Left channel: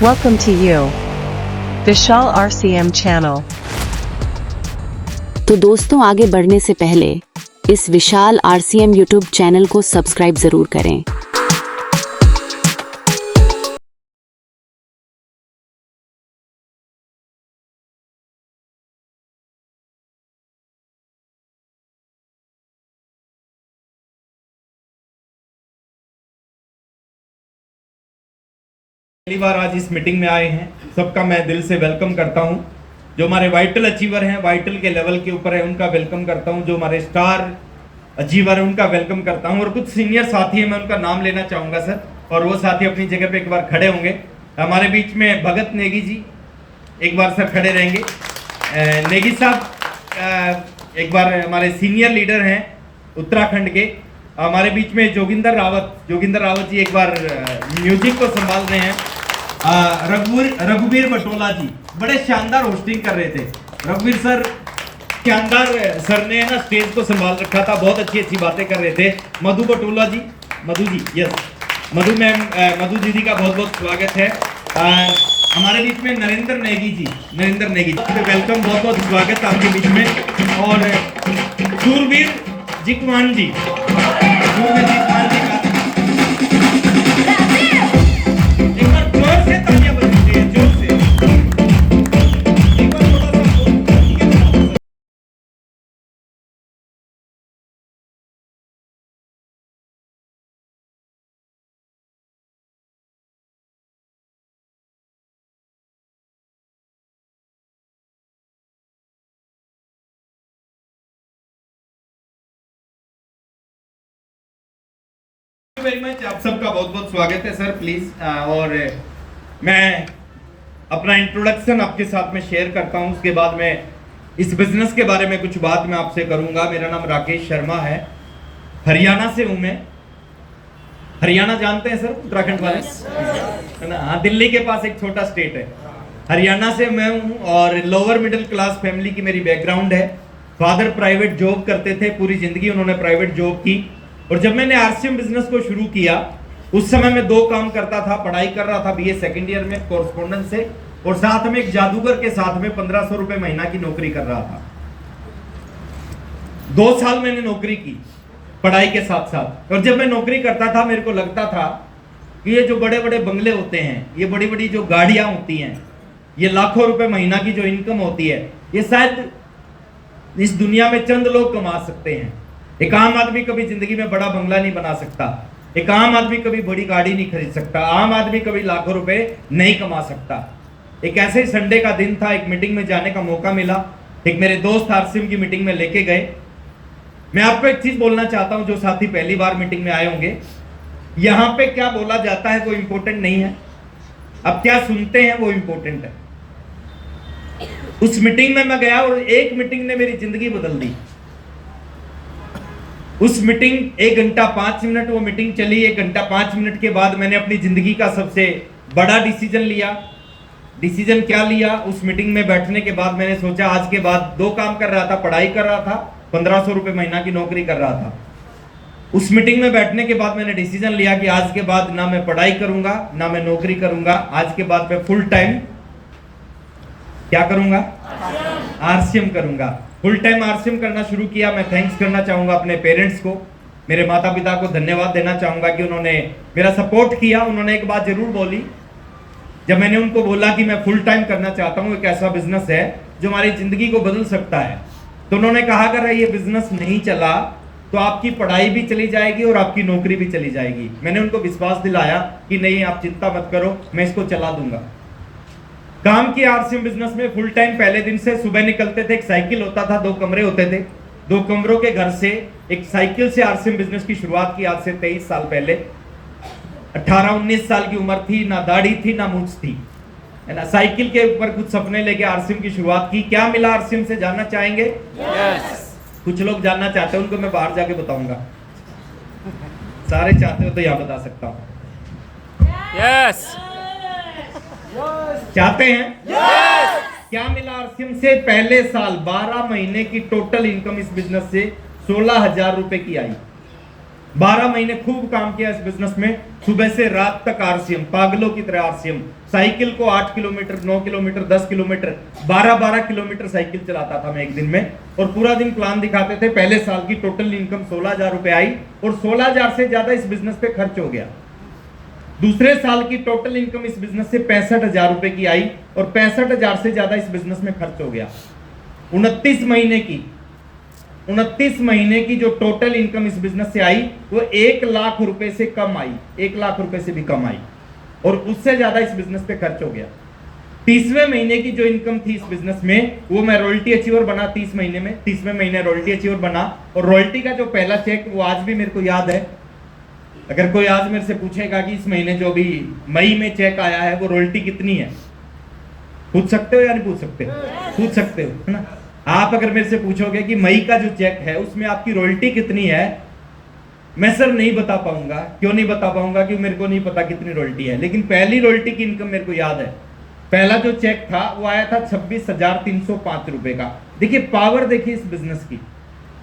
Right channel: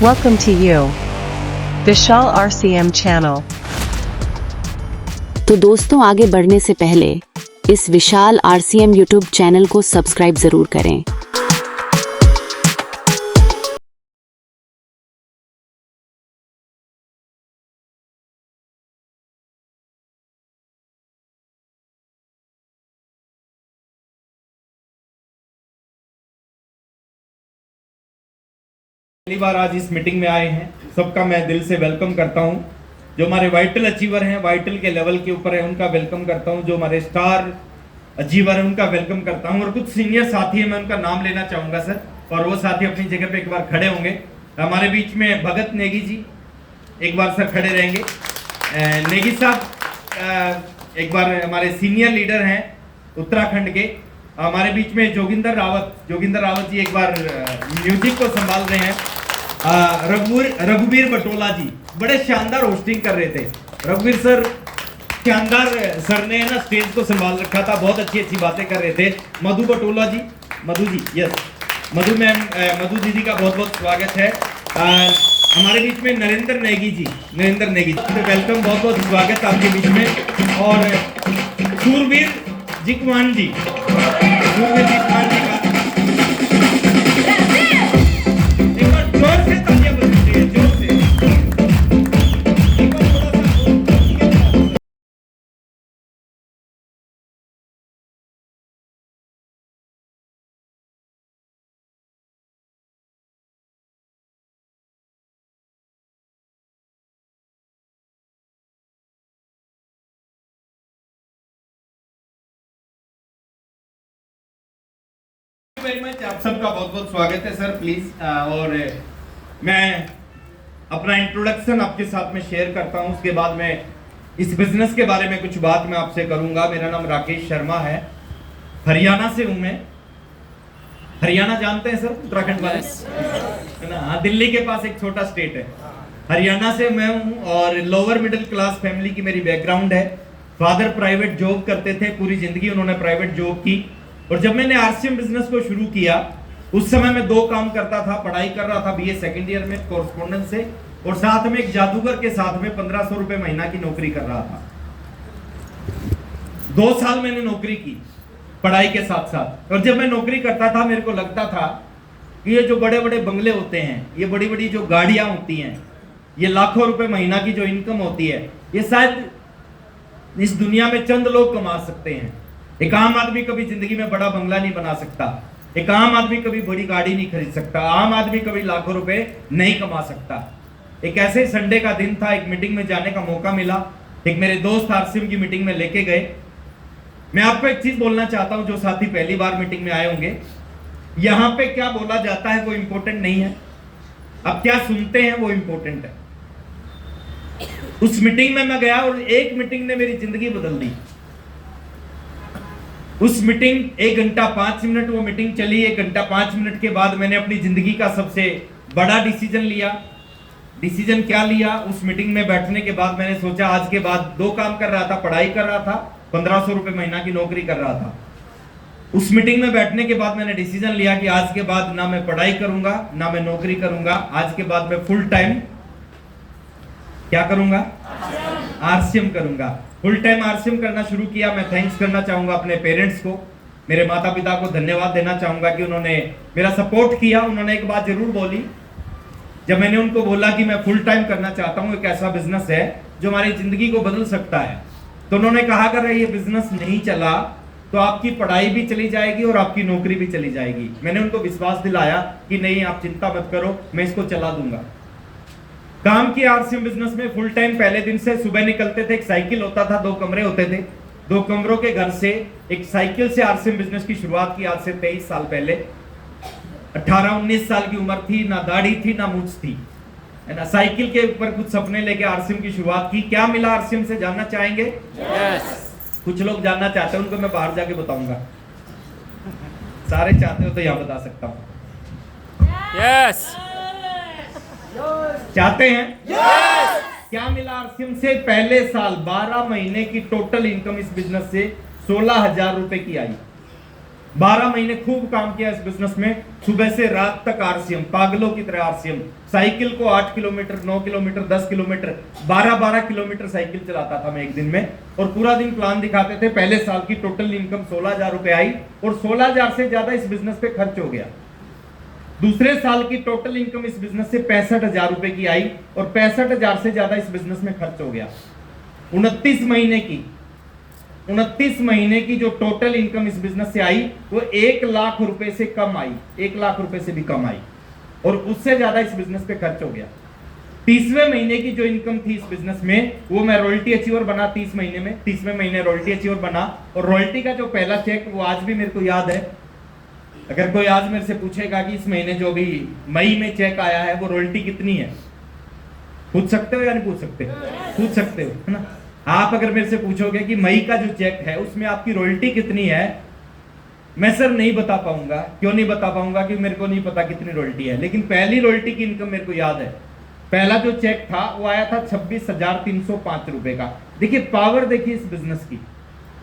Welcome to you, Vishal RCM channel. तो दोस्तों आगे बढ़ने से पहले इस विशाल RCM यूट्यूब चैनल को सब्सक्राइब जरूर करें। पहली बार आज इस मीटिंग में आए हैं, सबका मैं दिल से वेलकम करता हूं। जो हमारे वाइटल अचीवर हैं, वाइटल के लेवल के ऊपर है, उनका वेलकम करता हूं। जो हमारे स्टार अचीवर है, उनका वेलकम करता हूं। और कुछ सीनियर साथी हैं, मैं उनका नाम लेना चाहूंगा सर, और वो साथी अपनी जगह पे एक बार खड़े होंगे। हमारे बीच में भगत नेगी जी एक बार सर खड़े रहेंगे। नेगी साहब एक बार हमारे सीनियर लीडर हैं उत्तराखंड के। हमारे बीच में जोगिंदर रावत जी एक बार म्यूजिक को संभाल रहे हैं। रघुवीर बटोला जी बड़े शानदार होस्टिंग कर रहे थे। रघुवीर सर शानदार सर ने ना स्टेज को संभाल रखा था, बहुत अच्छी बातें कर रहे थे। मधु बटोला जी, मधु जी, यस मधु मैम, मधु दीदी का बहुत बहुत स्वागत है। हमारे बीच में नरेंद्र नेगी जी, वेलकम, बहुत बहुत स्वागत आपके बीच में। और सूरवीर जिकवान जी, वेरी मच, आप सबका बहुत बहुत स्वागत है सर, प्लीज। और मैं अपना इंट्रोडक्शन आपके साथ में शेयर करता हूं, उसके बाद मैं इस बिजनेस के बारे में कुछ बात मैं आपसे करूंगा। मेरा नाम राकेश शर्मा है, हरियाणा से हूं मैं। हरियाणा जानते हैं सर, उत्तराखंड वाले है ना? हाँ, दिल्ली के पास एक छोटा स्टेट है। हरियाणा से मैं हूं और लोअर मिडिल क्लास फैमिली की मेरी बैकग्राउंड है। फादर प्राइवेट जॉब करते थे, पूरी जिंदगी उन्होंने प्राइवेट जॉब की। और जब मैंने आरसीएम बिजनेस को शुरू किया, उस समय मैं दो काम करता था। पढ़ाई कर रहा था बीए सेकंड ईयर में कॉरेस्पॉन्डेंस से, और साथ में एक जादूगर के साथ में 1500 रुपए महीना की नौकरी कर रहा था। 2 साल मैंने नौकरी की पढ़ाई के साथ साथ। और जब मैं नौकरी करता था, मेरे को लगता था कि ये जो बड़े बड़े बंगले होते हैं, ये बड़ी बड़ी जो गाड़ियां होती हैं, ये लाखों रुपए महीना की जो इनकम होती है, ये शायद इस दुनिया में चंद लोग कमा सकते हैं। एक आम आदमी कभी जिंदगी में बड़ा बंगला नहीं बना सकता, एक आम आदमी कभी बड़ी गाड़ी नहीं खरीद सकता, आम आदमी कभी लाखों रुपए नहीं कमा सकता। एक ऐसे संडे का दिन था, एक मीटिंग में जाने का मौका मिला। एक मेरे दोस्त आरसीएम की मीटिंग में लेके गए। मैं आपको एक चीज बोलना चाहता हूं, जो साथी पहली बार मीटिंग में आए होंगे, यहां पे क्या बोला जाता है वो इंपॉर्टेंट नहीं है, अब क्या सुनते हैं वो इंपॉर्टेंट है। उस मीटिंग में मैं गया और एक मीटिंग ने मेरी जिंदगी बदल दी। उस मीटिंग 1 घंटा 5 मिनट वो मीटिंग चली। 1 घंटा 5 मिनट के बाद मैंने अपनी जिंदगी का सबसे बड़ा डिसीजन लिया। डिसीजन क्या लिया? उस मीटिंग में बैठने के बाद मैंने सोचा, आज के बाद 2 काम कर रहा था, पढ़ाई कर रहा था, 1500 रुपए महीना की नौकरी कर रहा था। उस मीटिंग में बैठने के बाद मैंने डिसीजन लिया कि आज के बाद ना मैं पढ़ाई करूंगा, ना मैं नौकरी करूंगा। आज के बाद मैं फुल टाइम क्या करूंगा? आरसीएम करूंगा। फुल टाइम आरसीएम करना शुरू किया। मैं थैंक्स करना चाहूंगा अपने पेरेंट्स को, मेरे माता पिता को धन्यवाद देना चाहूंगा कि उन्होंने मेरा सपोर्ट किया। उन्होंने एक बात जरूर बोली, जब मैंने उनको बोला कि मैं फुल टाइम करना चाहता हूं, एक ऐसा बिजनेस है जो हमारी जिंदगी को बदल सकता है, तो उन्होंने कहा अगर ये बिजनेस नहीं चला तो आपकी पढ़ाई भी चली जाएगी और आपकी नौकरी भी चली जाएगी। मैंने उनको विश्वास दिलाया कि नहीं, आप चिंता मत करो, मैं इसको चला दूंगा। काम किया आरसीएम बिजनेस में फुल टाइम। पहले दिन से सुबह निकलते थे, एक साइकिल होता था, 2 कमरे होते थे, 2 कमरों के घर से एक साइकिल से आरसीएम बिजनेस की शुरुआत की। आज से 23 साल पहले 18-19 साल की उम्र थी, ना दाढ़ी थी ना मूंछ थी, है ना। साइकिल के ऊपर कुछ सपने लेके आरसीएम की शुरुआत की। क्या मिला आरसीएम से, जानना चाहेंगे? यस। कुछ लोग जानना चाहते हैं, उनको मैं बाहर जाके बताऊंगा। सारे चाहते हो तो यहां बता सकता हूं। यस। चाहते हैं? यस। क्या मिला आरसीएम से? पहले साल 12 महीने की टोटल इनकम इस बिजनेस से 16,000 रुपए की आई। 12 महीने खूब काम किया इस बिजनेस में, सुबह से रात तक आरसीएम, पागलों की तरह आरसीएम। साइकिल को 8 kilometre, 9 kilometre, 10 kilometre, 12-12 kilometre cycle चलाता था मैं एक दिन में, और पूरा दिन प्लान दिखाते थे। पहले साल की टोटल इनकम 16,000 रुपए आई और 16,000 से ज्यादा इस बिजनेस पे खर्च हो गया। दूसरे साल की टोटल इनकम इस बिजनेस से 65,000 रुपए की आई और 65,000 से ज्यादा इस बिजनेस में खर्च हो गया। 29 महीने की जो टोटल इनकम इस बिजनेस से आई वो 1 लाख रुपए से कम आई, 1 लाख रुपए से भी कम आई, और उससे ज्यादा इस बिजनेस पे खर्च हो गया। 30वें महीने की जो इनकम थी इस बिजनेस में, वो मैं रॉयल्टी अचीवर बना 30 महीने में, 30वें महीने रॉयल्टी अचीवर बना, और रॉयल्टी का जो पहला चेक वो आज भी मेरे को याद है। अगर कोई आज मेरे से पूछेगा कि इस महीने जो भी मई में चेक आया है वो रॉयल्टी कितनी है, पूछ सकते हो या नहीं पूछ सकते? पूछ सकते हो, है ना। आप अगर मेरे से पूछोगे कि मई का जो चेक है उसमें आपकी रॉयल्टी कितनी है, मैं सर नहीं बता पाऊंगा। क्यों नहीं बता पाऊंगा? कि मेरे को नहीं पता कितनी रॉयल्टी है, लेकिन पहली रॉयल्टी की इनकम मेरे को याद है। पहला जो चेक था वो आया था 26,305 रुपए का। देखिए पावर, देखिए इस बिजनेस की।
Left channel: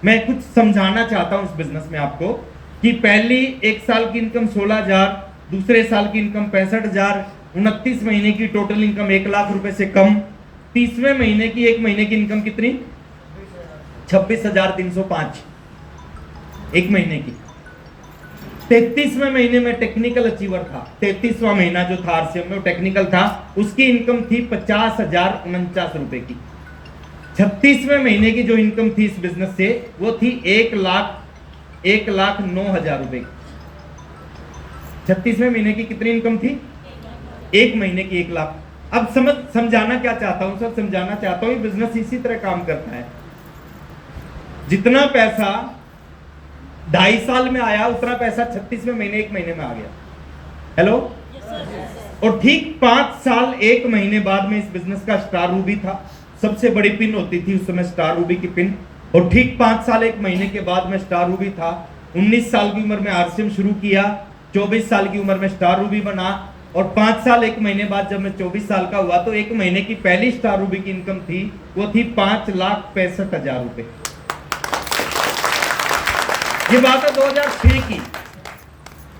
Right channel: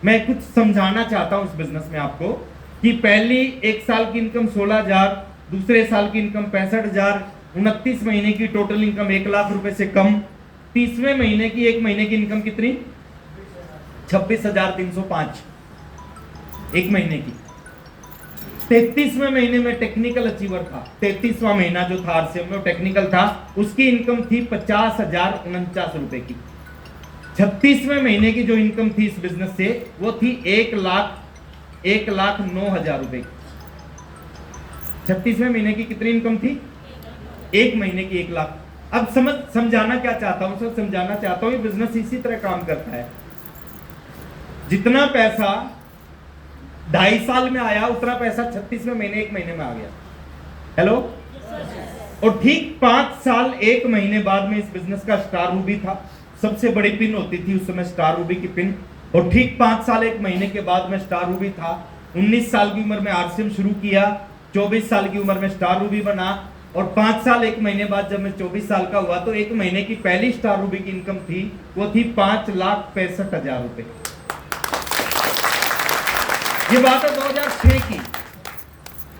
मैं कुछ समझाना चाहता हूं इस बिजनेस में आपको कि पहली एक साल की इनकम 16,000, दूसरे साल की इनकम 65,000, 29 महीने की टोटल इनकम 1 लाख रुपए से कम, 30वें महीने की एक महीने की इनकम कितनी? 26,305 एक महीने की। 33वें महीने में टेक्निकल अचीवर था, 33वां महीना जो था आरसीएम में वो टेक्निकल था, उसकी इनकम थी 50,049 रुपए की। 36वें महीने की जो इनकम थी इस बिजनेस से वो थी 1,09,000 रुपए की। 36वें महीने की कितनी इनकम थी? एक महीने की 1 लाख। अब समझाना क्या चाहता हूं सर? समझाना चाहता हूं ये बिजनेस इसी तरह काम करता है। जितना पैसा 2.5 साल में आया उतना पैसा 36वें महीने एक महीने में आ गया। हेलो। और ठीक 5 साल 1 महीने बाद में इस बिजनेस का स्टार रूबी था, सबसे बड़ी पिन होती थी उस समय स्टार रूबी की पिन, और ठीक 5 साल 1 महीने के बाद में स्टार रूबी था। 19 साल की उम्र में आरसीएम शुरू किया, 24 साल की उम्र में स्टार रूबी बना, और 5 साल 1 महीने बाद जब मैं 24 साल का हुआ तो 1 महीने की पहली स्टार रूबी की इनकम थी वो थी 5,65,000 रुपए। ये बात है 2006 की,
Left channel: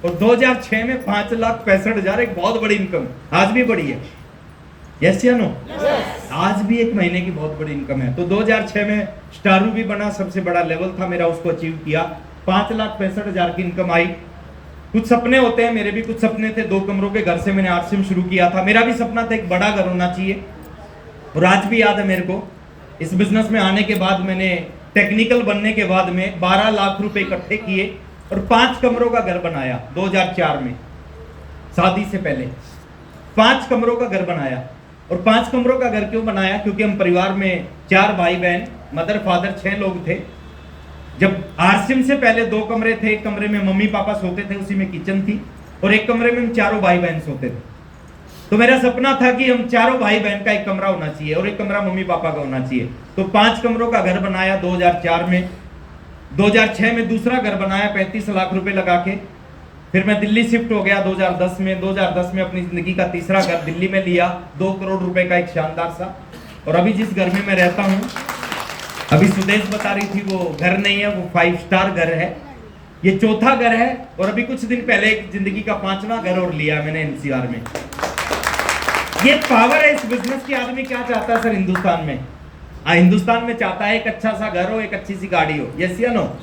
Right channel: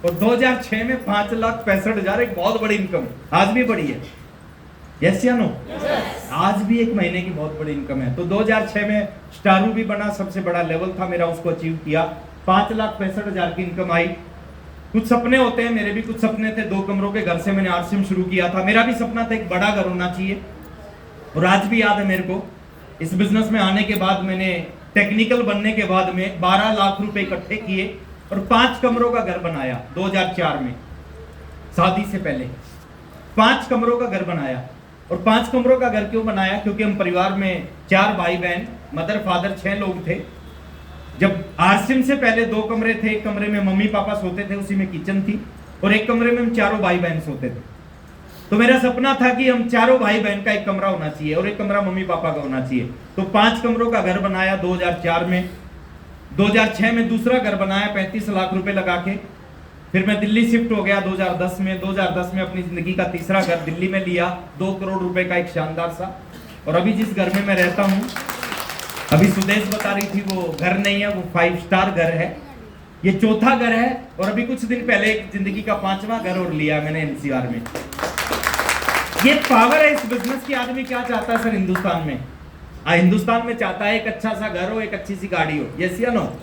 और 2006 में 5,65,000 एक बहुत बड़ी इनकम, आज भी बड़ी है। यस या नो? आज भी 1 महीने की बहुत बड़ी इनकम है। तो 2006 में स्टार रूबी बना, सबसे बड़ा लेवल था मेरा, उसको अचीव किया। 5,65,000 की इनकम आई। कुछ सपने होते हैं, मेरे भी कुछ सपने थे। 2 कमरों के घर से मैंने आरसीएम शुरू किया था। मेरा भी सपना था एक बड़ा घर होना चाहिए, और आज भी याद है मेरे को। इस बिजनेस में आने के बाद मैंने टेक्निकल बनने के बाद में 12 लाख रुपए इकट्ठे किए और 5 कमरों का घर बनाया 2004 में, शादी से पहले 5 कमरों का घर बनाया। और 5 कमरों का घर क्यों बनाया? क्योंकि हम परिवार में 4 भाई बहन, मदर फादर 6 लोग थे। जब आरसीएम से पहले 2 कमरे थे, एक कमरे में मम्मी पापा सोते थे, उसी में किचन थी, और एक कमरे में हम चारों भाई बहन सोते थे। तो मेरा सपना था कि हम चारों भाई बहन का एक कमरा होना चाहिए और एक कमरा मम्मी पापा का होना चाहिए। तो 5 कमरों का घर बनाया 2004 में। 2006 में दूसरा घर बनाया 35 लाख रुपए लगा के। फिर मैं दिल्ली शिफ्ट हो गया 2010 में। 2010 में अपनी जिंदगी का तीसरा घर दिल्ली में लिया, 2 करोड़ रुपए का एक शानदार सा। और अभी जिस घर में मैं रहता हूँ, अभी सुदेश बता रही थी, वो घर नहीं है, वो 5 स्टार घर है। ये चौथा घर है, और अभी कुछ दिन पहले एक जिंदगी का 5वां घर और लिया मैंने एनसीआर में। ये पावर है इस बिजनेस की। आदमी क्या चाहता है सर हिंदुस्तान में? हिंदुस्तान में चाहता है एक अच्छा सा घर हो, एक अच्छी सी गाड़ी हो। यस या नो?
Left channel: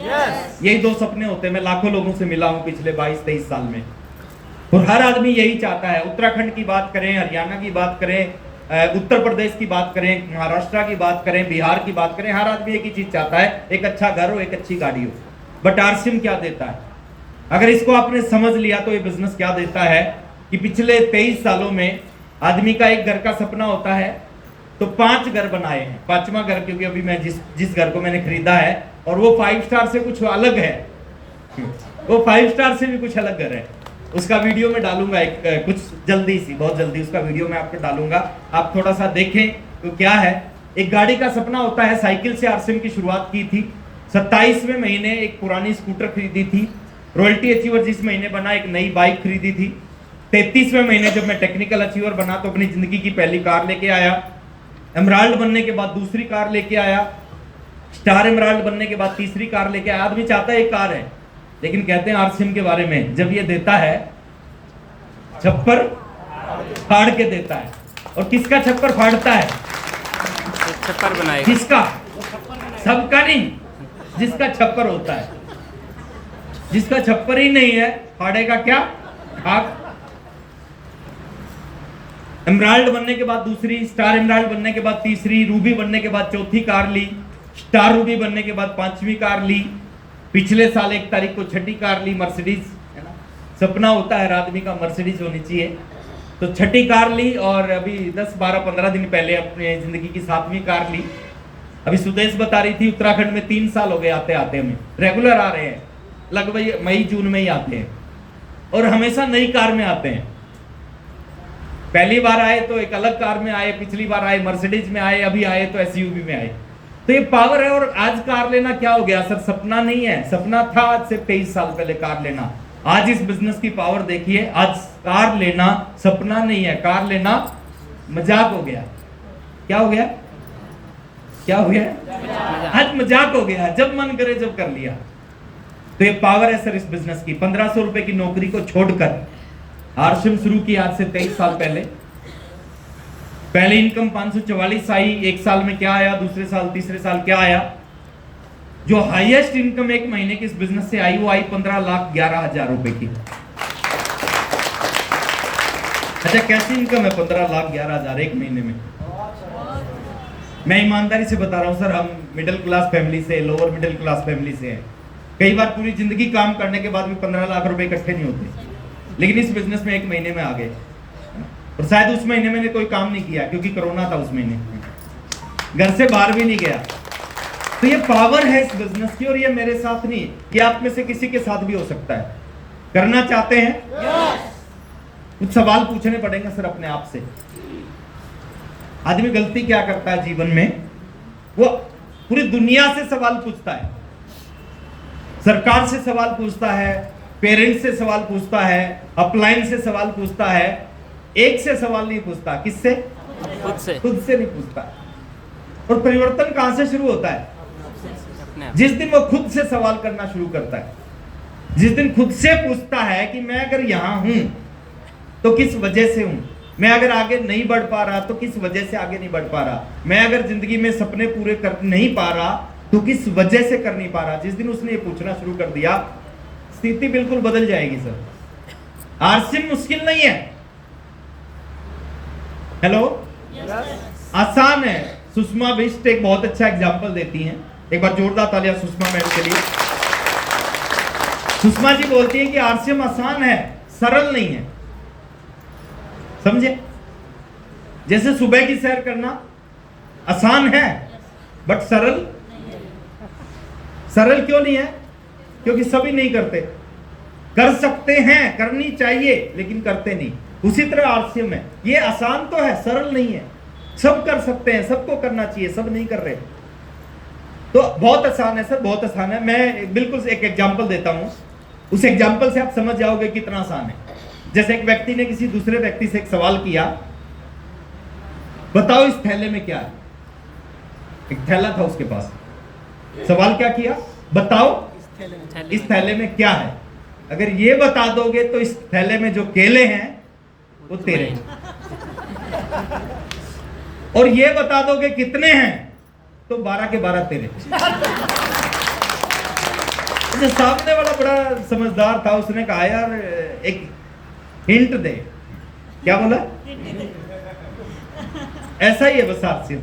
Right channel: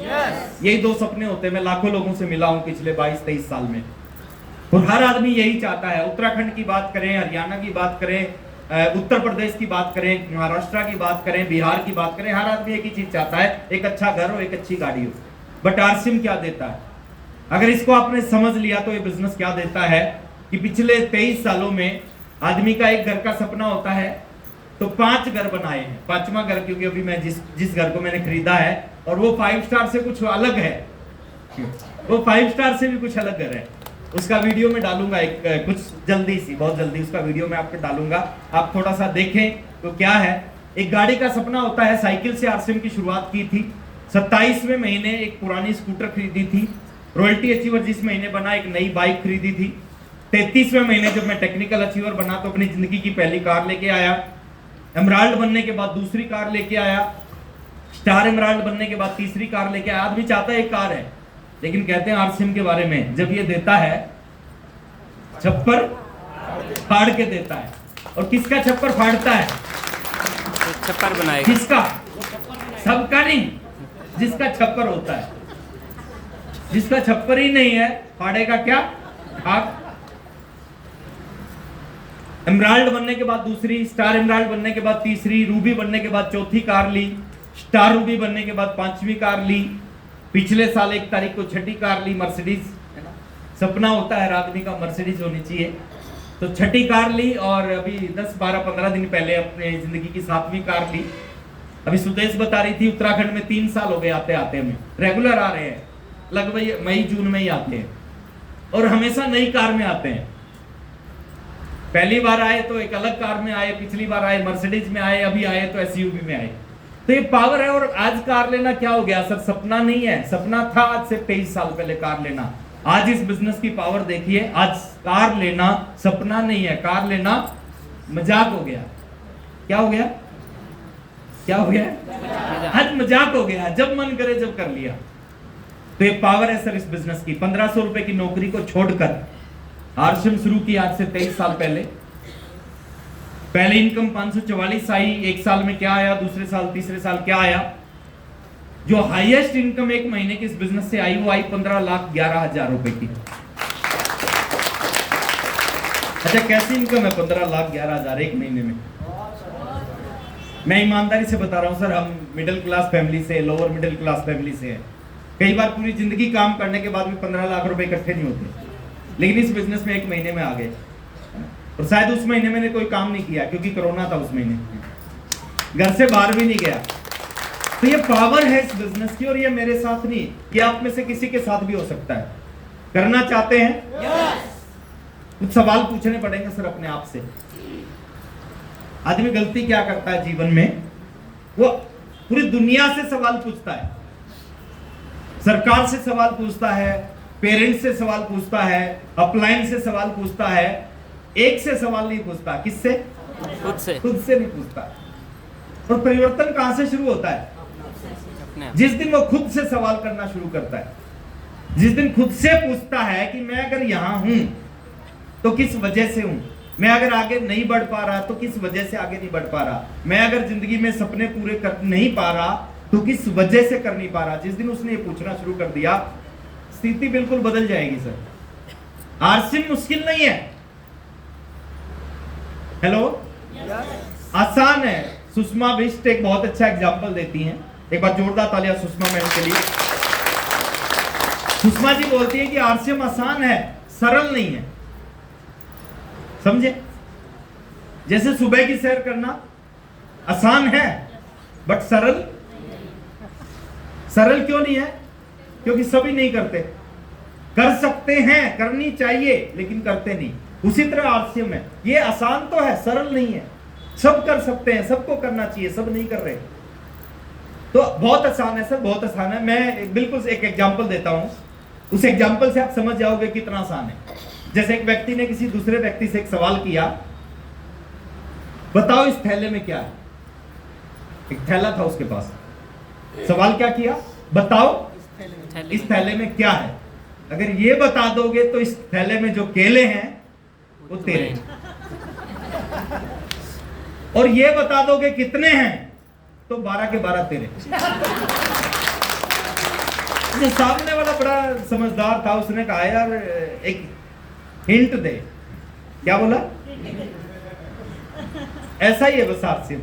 यही 2 सपने होते हैं। मैं लाखों लोगों से मिला हूं पिछले 22-23 साल में, और हर आदमी यही चाहता है। उत्तराखंड की बात करें, हरियाणा की बात करें, उत्तर प्रदेश की बात करें, महाराष्ट्र की बात करें, बिहार की बात करें, हर आदमी एक ही चीज चाहता है, एक अच्छा घर हो, एक अच्छी गाड़ी हो। बट आरसीएम क्या देता है? अगर इसको आपने समझ लिया तो ये बिजनेस क्या देता है कि पिछले 23 सालों में आदमी का एक घर का सपना होता है तो 5 घर बनाए हैं। 5वां घर, क्योंकि अभी मैं जिस घर को मैंने खरीदा है, और वो 5 स्टार से कुछ अलग है, वो 5 स्टार से भी कुछ अलग घर है। उसका वीडियो में डालूंगा एक कुछ जल्दी सी, बहुत जल्दी उसका वीडियो मैं आपको डालूंगा, आप थोड़ा सा देखें तो क्या है। एक गाड़ी का सपना होता है। साइकिल से आरसीएम की शुरुआत की थी। 27वें महीने एक पुरानी स्कूटर खरीदी थी। रॉयल्टी अचीवर जिस महीने बना, एक नई बाइक खरीदी थी। 33वें महीने जब मैं टेक्निकल अचीवर बना तो अपनी जिंदगी की पहली कार लेके आया। एमराल्ड बनने के बाद दूसरी कार लेके आया। स्टार एमराल्ड बनने के बाद तीसरी कार लेके आया। आदमी चाहता है एक कार है, लेकिन कहते हैं आरसीएम के बारे में, जब ये देता है छप्पर फाड़ के देता है। और किसका छप्पर फाड़ता है? छप्पर बनाएगा। किसका? सबका नहीं, जिसका छप्पर होता है। जिसका छप्पर ही नहीं है फाड़ेगा क्या? खाक। एमराल्ड बनने के बाद दूसरी, स्टार एमराल्ड बनने के बाद तीसरी, रूबी बनने के बाद चौथी कार ली, स्टार रूबी बनने के बाद पांचवी कार ली, पिछले साल 1 तारीख को छठी कार ली, मर्सिडीज, है ना। सपना होता है हर आदमी का मर्सिडीज होनी चाहिए, तो छठी कार ली। और अभी 10, 12, 15 दिन पहले अपने जिंदगी की 7वीं कार ली। अभी सुदेश बता रही थी उत्तराखंड में 3 साल हो गए आते आते हमें, रेगुलर आ रहे हैं, लगभग मई जून में ही आते हैं और हमेशा नई कार में आते हैं। पहली बार आए तो एक अलग कार में आए, पिछली बार आए मर्सिडीज में आए, अभी आए तो एसयूवी में आए। तो ये पावर है। और आज कार लेना क्या हो गया सर? सपना नहीं है। सपना था आज से 23 साल पहले कार लेना। आज इस बिजनेस की पावर देखिए। आज कार लेना सपना नहीं है, कार लेना मजाक हो गया। क्या हो गया? क्या हो गया? आज मजाक हो गया, जब मन करे जब कर लिया। तो ये पावर है सर इस बिजनेस की। 1500 रुपए की नौकरी को छोड़कर आरसीएम शुरू किया आज से 23 साल पहले। पहले इनकम 544 आई, एक साल में क्या आया, दूसरे साल तीसरे साल क्या आया। जो हाईएस्ट इनकम एक महीने की इस बिजनेस से आई वो आई 15,11,000 रुपए की। अच्छा कैसी इनकम है 15,11,000 एक महीने में? मैं ईमानदारी से बता रहा हूं सर, हम मिडिल क्लास फैमिली से, लोअर मिडिल क्लास फैमिली से हैं। कई बार पूरी जिंदगी काम करने के बाद भी 15 लाख रुपए इकट्ठे नहीं होते, लेकिन इस बिजनेस में एक महीने में आ गए। और शायद उस महीने मैंने कोई काम नहीं किया क्योंकि कोरोना था, उस महीने घर से बाहर भी नहीं गया। तो ये पावर है इस बिजनेस की। और ये मेरे साथ नहीं, ये आप में से किसी के साथ भी हो सकता है। करना चाहते हैं? कुछ सवाल पूछने पड़ेंगे सर अपने आप से। आदमी गलती क्या करता है जीवन में? वो पूरी दुनिया से सवाल पूछता है, सरकार से सवाल पूछता है, पेरेंट्स से सवाल पूछता है, अपलायंस से सवाल पूछता है, एक से सवाल नहीं पूछता। किससे? खुद से। खुद से नहीं पूछता। और परिवर्तन कहां से शुरू होता है? जिस दिन वो खुद से सवाल करना शुरू करता है, जिस दिन खुद से पूछता है कि मैं अगर यहां हूं तो किस वजह से हूं, मैं अगर आगे नहीं बढ़ पा रहा तो किस वजह से आगे नहीं बढ़ पा रहा, मैं अगर जिंदगी में सपने पूरे कर नहीं पा रहा तो किस वजह से कर नहीं पा रहा। जिस दिन उसने ये पूछना शुरू कर दिया, स्थिति बिल्कुल बदल जाएगी सर। आरसीएम मुश्किल नहीं है। हेलो, आसान है। सुषमा बिष्ट एक बहुत अच्छा एग्जाम्पल देती हैं। एक बार जोरदार तालियां सुषमा मैम के लिए। सुषमा जी बोलती है कि आरसीएम आसान है, सरल नहीं है। समझे? जैसे सुबह की सैर करना आसान है बट सरल। सरल क्यों नहीं है? क्योंकि सभी नहीं करते। कर सकते हैं, करनी चाहिए, लेकिन करते नहीं। उसी तरह आरसीएम है, ये आसान तो है, सरल नहीं है। सब कर सकते हैं, सबको करना चाहिए, सब नहीं कर रहे। तो बहुत आसान है सर, बहुत आसान है। मैं बिल्कुल एक एग्जांपल देता हूं, उस एग्जांपल से आप समझ जाओगे कितना आसान है। जैसे एक व्यक्ति ने किसी दूसरे व्यक्ति से एक सवाल किया, बताओ इस थैले में क्या है। एक थैला था उसके पास। सवाल क्या किया? बताओ इस थैले में क्या है। अगर ये बता दोगे तो इस थैले में जो केले हैं वो तेरे हैं, और ये बता दोगे कितने हैं तो 12 के 12 तेरे। जो सामने वाला बड़ा समझदार था, उसने कहा यार एक हिंट दे। क्या बोला? ऐसा ही है बस आरसीएम।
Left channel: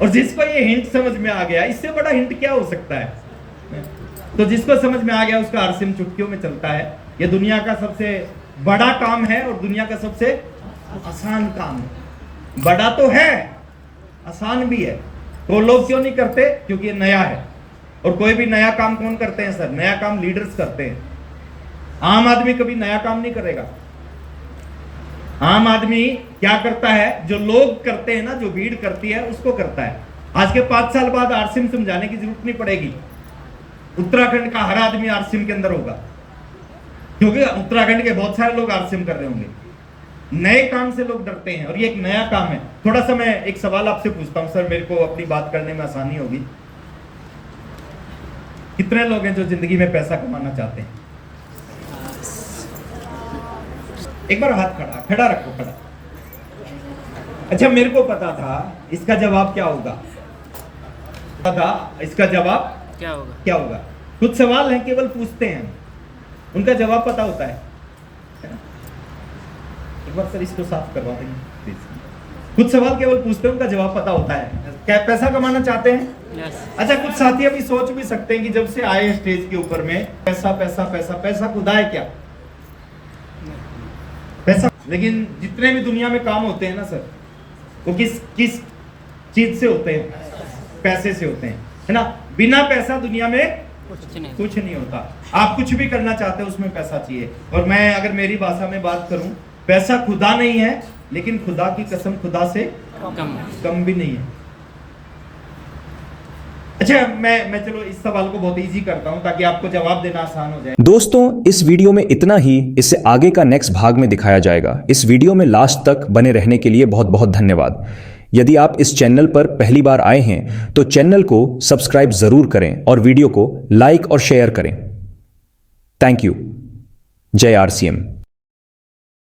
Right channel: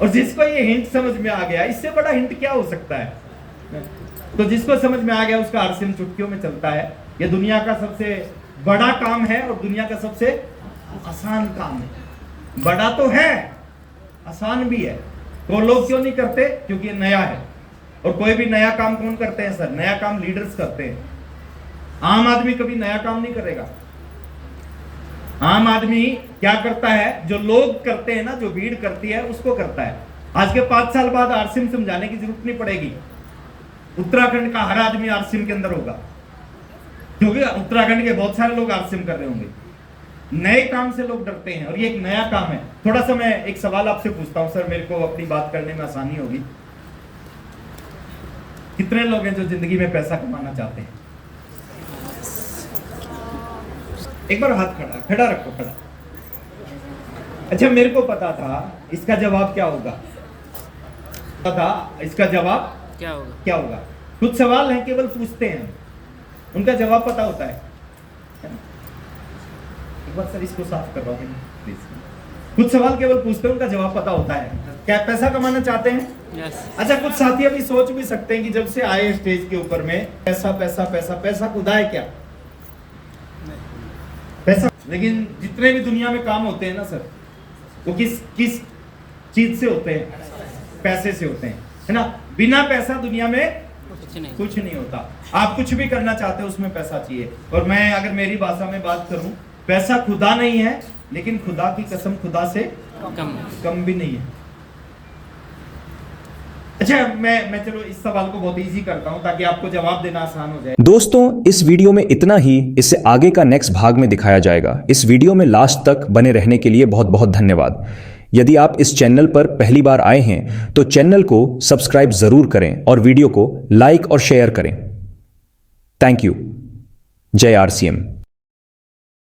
और जिसको ये हिंट समझ में आ गया, इससे बड़ा हिंट क्या हो सकता है? तो जिसको समझ में आ गया उसका आरसीएम चुटकियों में चलता है। ये दुनिया का सबसे बड़ा काम है और दुनिया का सबसे आसान काम है। बड़ा तो है, आसान भी है। तो लोग क्यों नहीं करते? क्योंकि ये नया है। और कोई भी नया काम कौन करते हैं सर? नया काम लीडर्स करते हैं। आम आदमी कभी नया काम नहीं करेगा। आम आदमी क्या करता है? जो लोग करते हैं ना, जो भीड़ करती है उसको करता है। आज के 5 साल बाद आरसीएम समझाने की जरूरत नहीं पड़ेगी। उत्तराखंड का हर आदमी आरसीएम के अंदर होगा, क्योंकि उत्तराखंड के बहुत सारे लोग आरसीएम कर रहे होंगे। नए काम से लोग डरते हैं और ये एक नया काम है। थोड़ा सा मैं एक सवाल आपसे पूछता हूं सर, मेरे को अपनी बात करने में आसानी होगी। कितने लोग हैं जो जिंदगी में पैसा कमाना चाहते हैं? एक बार हाथ खड़ा रखो, खड़ा। अच्छा, मेरे को पता था इसका जवाब क्या होगा। पता इसका जवाब क्या होगा? क्या होगा? कुछ सवाल हैं केवल पूछते हैं, उनका जवाब पता होता है क्या? एक बार सर इसको साफ कर रहा हूँ प्लीज। कुछ सवाल केवल पूछते हैं, उनका जवाब पता होता है। क्या पैसा कमाना चाहते हैं? यस। अच्छा, कुछ साथी अभी सोच भी सकते हैं कि जब से आए स्टेज के ऊपर में पैसा पैसा पैसा पैसा खुदा है क्या? पैसा। लेकिन जितने भी दुनिया में काम होते हैं ना सर, वो किस किस चीज से होते हैं? पैसे से होते हैं, है ना। बिना पैसा दुनिया में कुछ नहीं होता। आप कुछ भी करना चाहते हो उसमें पैसा चाहिए। और मैं अगर मेरी भाषा में बात करूं, पैसा खुदा नहीं है, लेकिन खुदा की कसम खुदा से कम भी नहीं है। अच्छा, मैं चलो इस सवाल को बहुत इजी करता हूं ताकि आपको जवाब देना आसान हो जाए। दोस्तों, इस वीडियो में इतना ही। इससे आगे का नेक्स्ट भाग में दिखाया जाएगा। इस वीडियो में लास्ट तक बने रहने के लिए बहुत बहुत धन्यवाद। यदि आप इस चैनल पर पहली बार आए हैं तो चैनल को सब्सक्राइब जरूर करें और वीडियो को लाइक और शेयर करें। Thank you. जय आरसीएम।